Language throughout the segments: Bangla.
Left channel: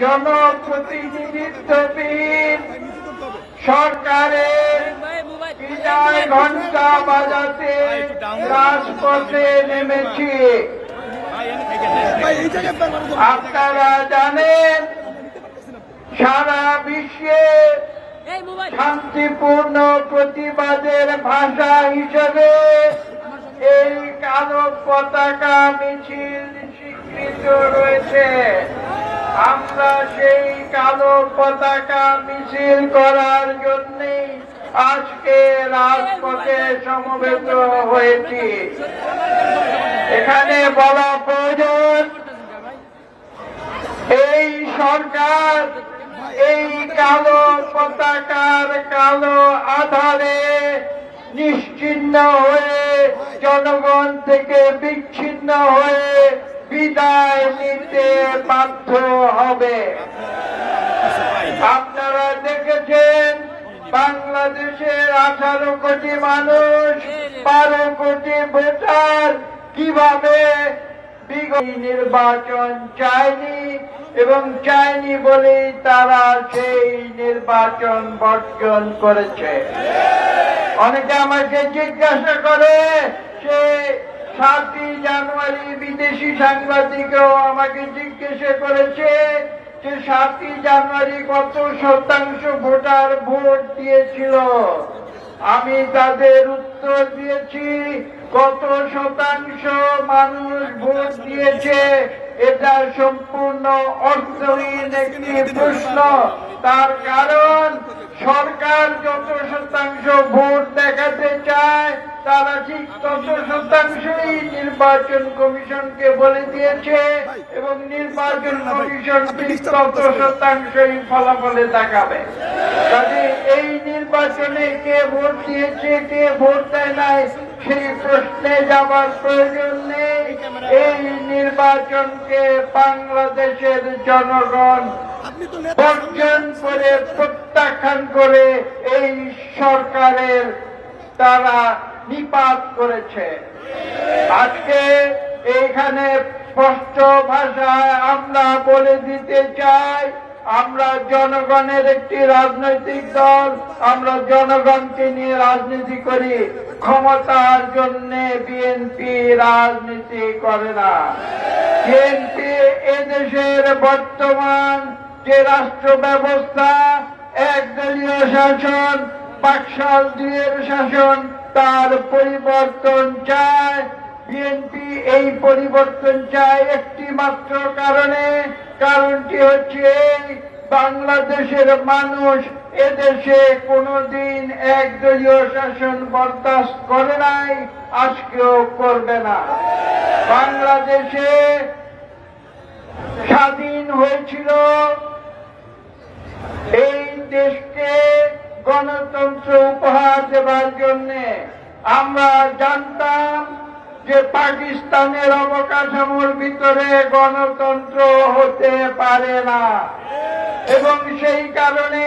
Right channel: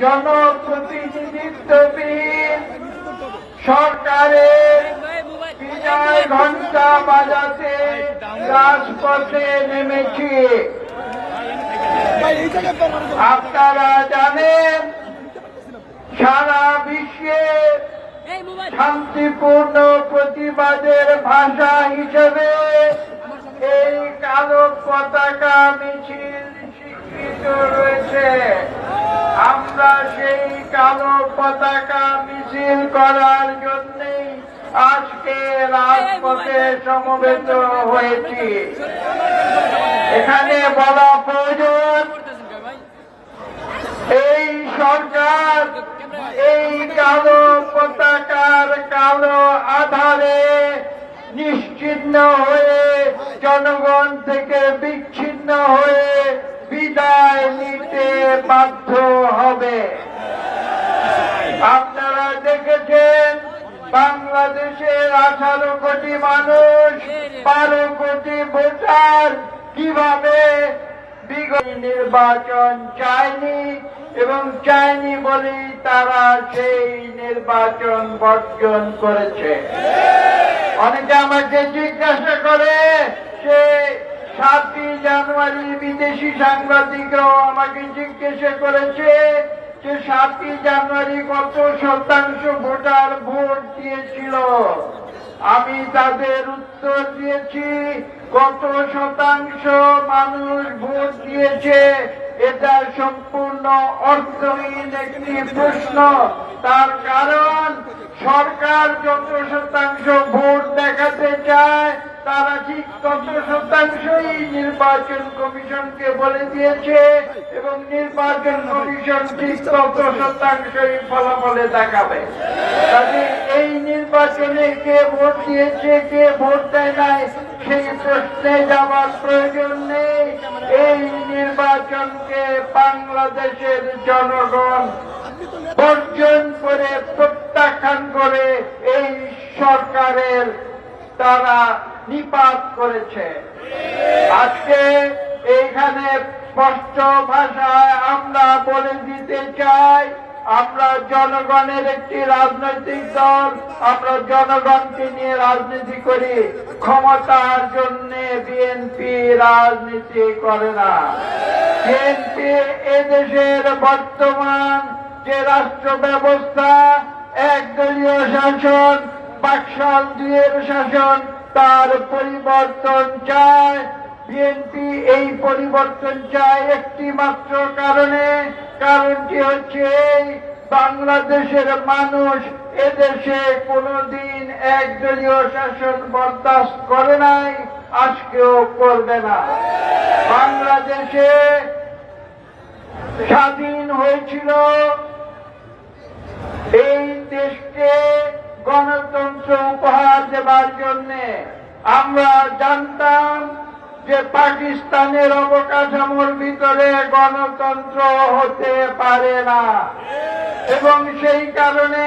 জনপ্রতিনিধিত্ববিহীন সরকারের ঘণ্টা বাজাতে রাজপথে নেমেছি। আপনারা জানেন, সারা বিশ্বে শান্তিপূর্ণ প্রতিবাদের ভাষা হিসেবে এই কালো পতাকা মিছিল স্বীকৃত রয়েছে। আমরা সেই কালো পতাকা মিছিল করার জন্যই আজকে রাজপথে সমবেত হয়েছি। এখানে বলা প্রয়োজন, এই সরকার এই কালো পতাকার কালো আধারে নিশ্চিন্ন হয়ে জনগণ থেকে বিচ্ছিন্ন হয়ে বিদায় নিতে বাধ্য হবে। আপনারা দেখেছেন, বাংলাদেশের আঠারো কোটি মানুষ, বারো কোটি ভোটার কীভাবে নির্বাচন চায়নি এবং চায়নি বলেই তারা সেই নির্বাচন বর্জন করেছে। অনেকে আমাকে জিজ্ঞাসা করে, সে সাতই জানুয়ারি বিদেশি সাংবাদিকও আমাকে জিজ্ঞাসা করেছে যে সাতই জানুয়ারি কত শতাংশ ভোটার ভোট দিয়েছিল? আমি তাদের উত্তর দিয়েছি, কত শতাংশ মানুষ ভোট দিয়েছে? এটা সম্পূর্ণ অর্থহীন একটি প্রশ্ন। তার কারণ, সরকার যত শতাংশ ভোট দেখাতে চায় তারা ঠিক তত শতাংশই নির্বাচন কমিশনকে বলে দিয়েছে এবং নির্বাচন কমিশন ঠিক তত শতাংশই ফলাফলে দেখাবে কাজে এই নির্বাচনে কে ভোট দিয়েছে, কে ভোট দেয় নাই, সেই প্রশ্নে যাওয়ার প্রয়োজন নেই। এই নির্বাচনকে বাংলাদেশের জনগণ বর্জন করে প্রত্যাখ্যান করে এই সরকারের তারা নিপাত করেছে। আজকে এইখানে স্পষ্ট ভাষায় আমরা বলে দিতে চাই, আমরা জনগণের একটি রাজনৈতিক দল, আমরা জনগণকে নিয়ে রাজনীতি করি। ক্ষমতার জন্য বিএনপি রাজনীতি করে না। বিএনপি এদেশের বর্তমান যে রাষ্ট্র ব্যবস্থা একদলীয় শাসন বাকশাল দুয়ের শাসন তার পরিবর্তন চায়। বিএনপি এই পরিবর্তন চায় একটি মাত্র কারণে, কারণটি হচ্ছে বাংলাদেশের মানুষ এদেশে কোনোদিন একদলীয় শাসন বরদাস্ত করে নাই, আজকেও করবে না। বাংলাদেশে স্বাধীন হয়েছিল এই দেশকে দেবার জন্য আমরা জানতাম যে পাকিস্তানের অবকাঠামোর ভিতরে গণতন্ত্র হতে পারে না। এবং সেই কারণে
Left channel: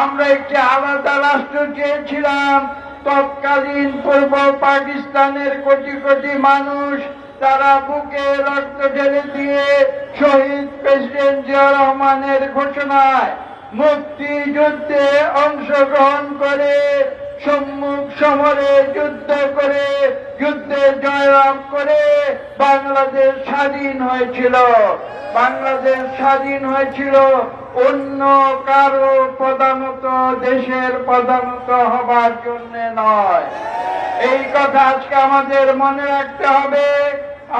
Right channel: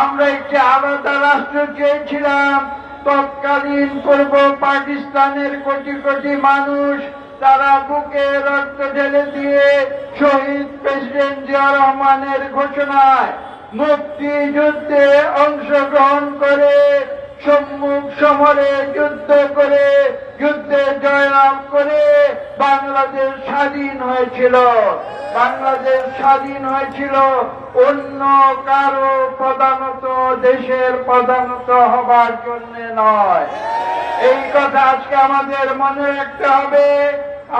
আমরা একটি আলাদা রাষ্ট্র চেয়েছিলাম। তৎকালীন পূর্ব পাকিস্তানের কোটি কোটি মানুষ তারা বুকে রক্ত ঢেলে দিয়ে শহীদ প্রেসিডেন্ট জিয়া রহমানের ঘোষণায় মুক্তিযুদ্ধে অংশগ্রহণ করে সম্মুখ সমরে যুদ্ধ করে, যুদ্ধে জয়লাভ করে বাংলাদেশ স্বাধীন হয়েছিল। বাংলাদেশ স্বাধীন হয়েছিল অন্য কারও প্রধানত দেশের প্রধানত হবার জন্য নয়। এই কথা আজকে আমাদের মনে রাখতে হবে।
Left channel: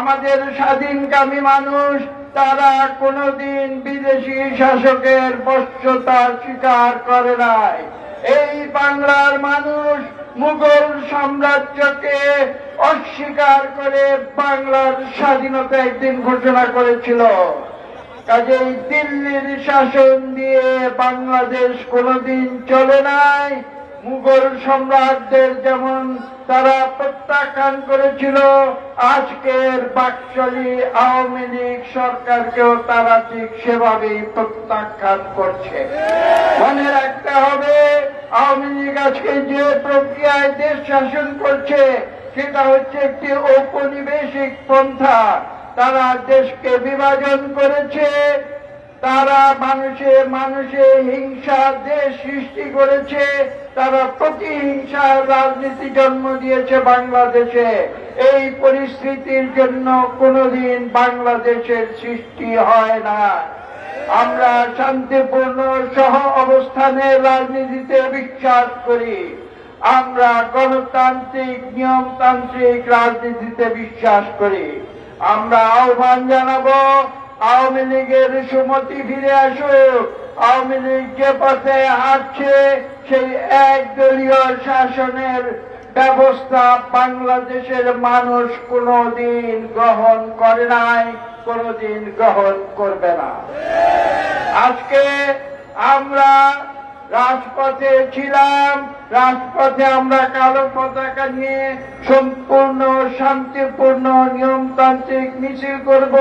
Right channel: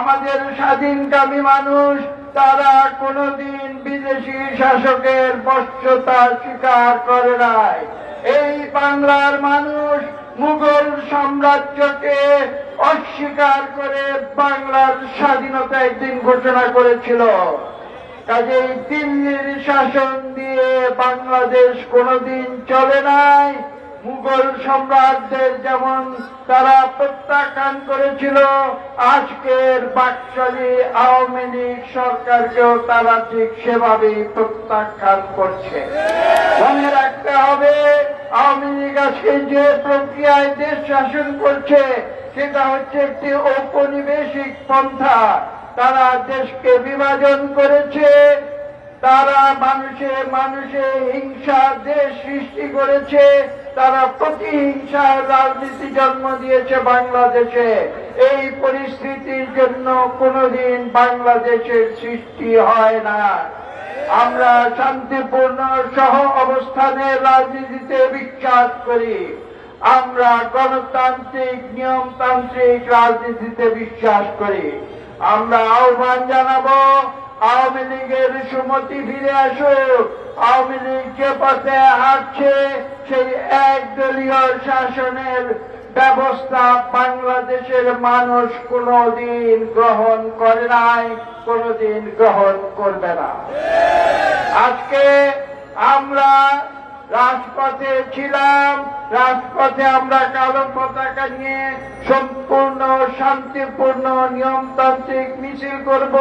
আমাদের স্বাধীনকামী মানুষ, তারা কোনোদিন বিদেশি শাসকের বশ্যতা স্বীকার করে নাই। এই বাংলার মানুষ মুঘল সাম্রাজ্যকে অস্বীকার করে বাংলার স্বাধীনতা একদিন ঘোষণা করেছিল। কাজেই দিল্লির শাসন দিয়ে বাংলাদেশ কোনোদিন চলে নাই। মুঘল সম্রাটদের যেমন তারা প্রত্যাখ্যান করেছিল, আজকের বাকশালী আওয়ামী লীগ সরকারকেও তারা ঠিক সেভাবেই প্রত্যাখ্যান করছে। মনে রাখতে হবে, আওয়ামী লীগ আজকে যে প্রক্রিয়ায় দেশ শাসন করছে, সেটা হচ্ছে একটি ঔপনিবেশিক পন্থা। তারা দেশকে বিভাজন করেছে তারা মানুষে মানুষে হিংসা দেশ সৃষ্টি করেছে, তারা প্রতিহিংসার রাজনীতি জন্ম দিয়েছে বাংলাদেশে। এই পরিস্থিতির জন্য কোনোদিন বাংলাদেশের সৃষ্টি হয় না। আমরা শান্তিপূর্ণ সহ অবস্থানে রাজনীতিতে বিশ্বাস করি। আমরা গণতান্ত্রিক, নিয়মতান্ত্রিক রাজনীতিতে বিশ্বাস করি। আমরা আহ্বান জানাব আওয়ামী লীগের সুমতি ফিরে আসুক। আওয়ামী লীগ যে পথে হাঁটছে, সেই একদলীয় শাসনের ব্যবস্থা বাংলাদেশের মানুষ কোনোদিন গ্রহণ করে নাই, কোনোদিন গ্রহণ করবে না। আজকে আমরা রাজপথে ছিলাম, রাজপথে আমরা কালো পতাকা নিয়ে সম্পূর্ণ শান্তিপূর্ণ নিয়মতান্ত্রিক মিছিল করব।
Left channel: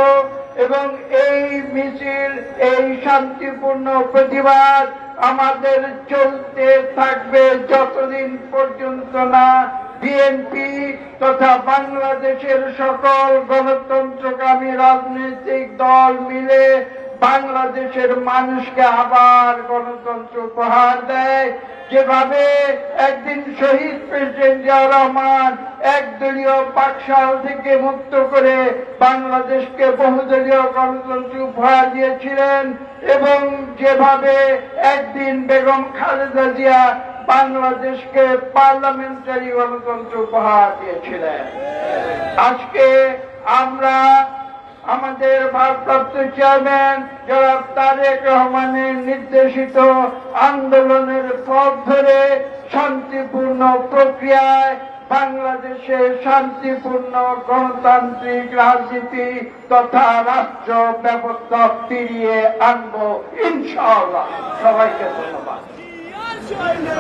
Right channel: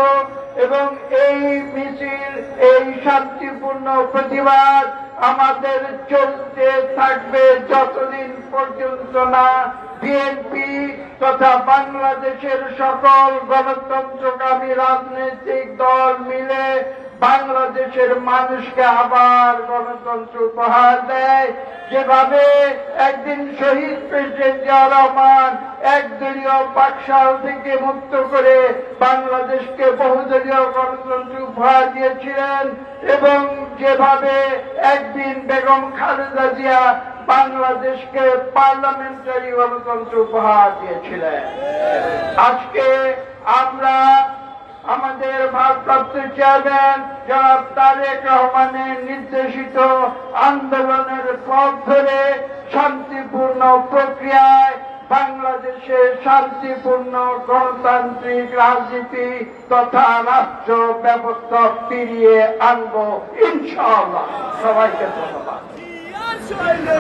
এবং এই মিছিল, এই শান্তিপূর্ণ প্রতিবাদ আমাদের চলতে থাকবে যতদিন পর্যন্ত না। বিএনপি তথা বাংলাদেশের সকল গণতন্ত্রকামী রাজনৈতিক দল মিলে বাংলাদেশের মানুষকে আবার গণতন্ত্র উপহার দেয়। যেভাবে একদিন শহীদ প্রেসিডেন্ট জিয়া রহমান একদলীয় পাকশাল থেকে মুক্ত করে বাংলাদেশকে বহুদলীয় গণতন্ত্র উপহার দিয়েছিলেন এবং যেভাবে একদিন বেগম খালেদা জিয়া বাংলাদেশকে পার্লামেন্টারি গণতন্ত্র উপহার দিয়েছিলেন। আজকে আমরা আমাদের ভারপ্রাপ্ত চেয়ারম্যান জনাব তারেক রহমানের নির্দেশিত আন্দোলনের পথ ধরে শান্তিপূর্ণ প্রক্রিয়ায় বাংলাদেশে শান্তিপূর্ণ গণতান্ত্রিক রাজনীতি তথা রাষ্ট্র ব্যবস্থা ফিরিয়ে আনব, ইনশাআল্লাহ। সবাইকে ধন্যবাদ।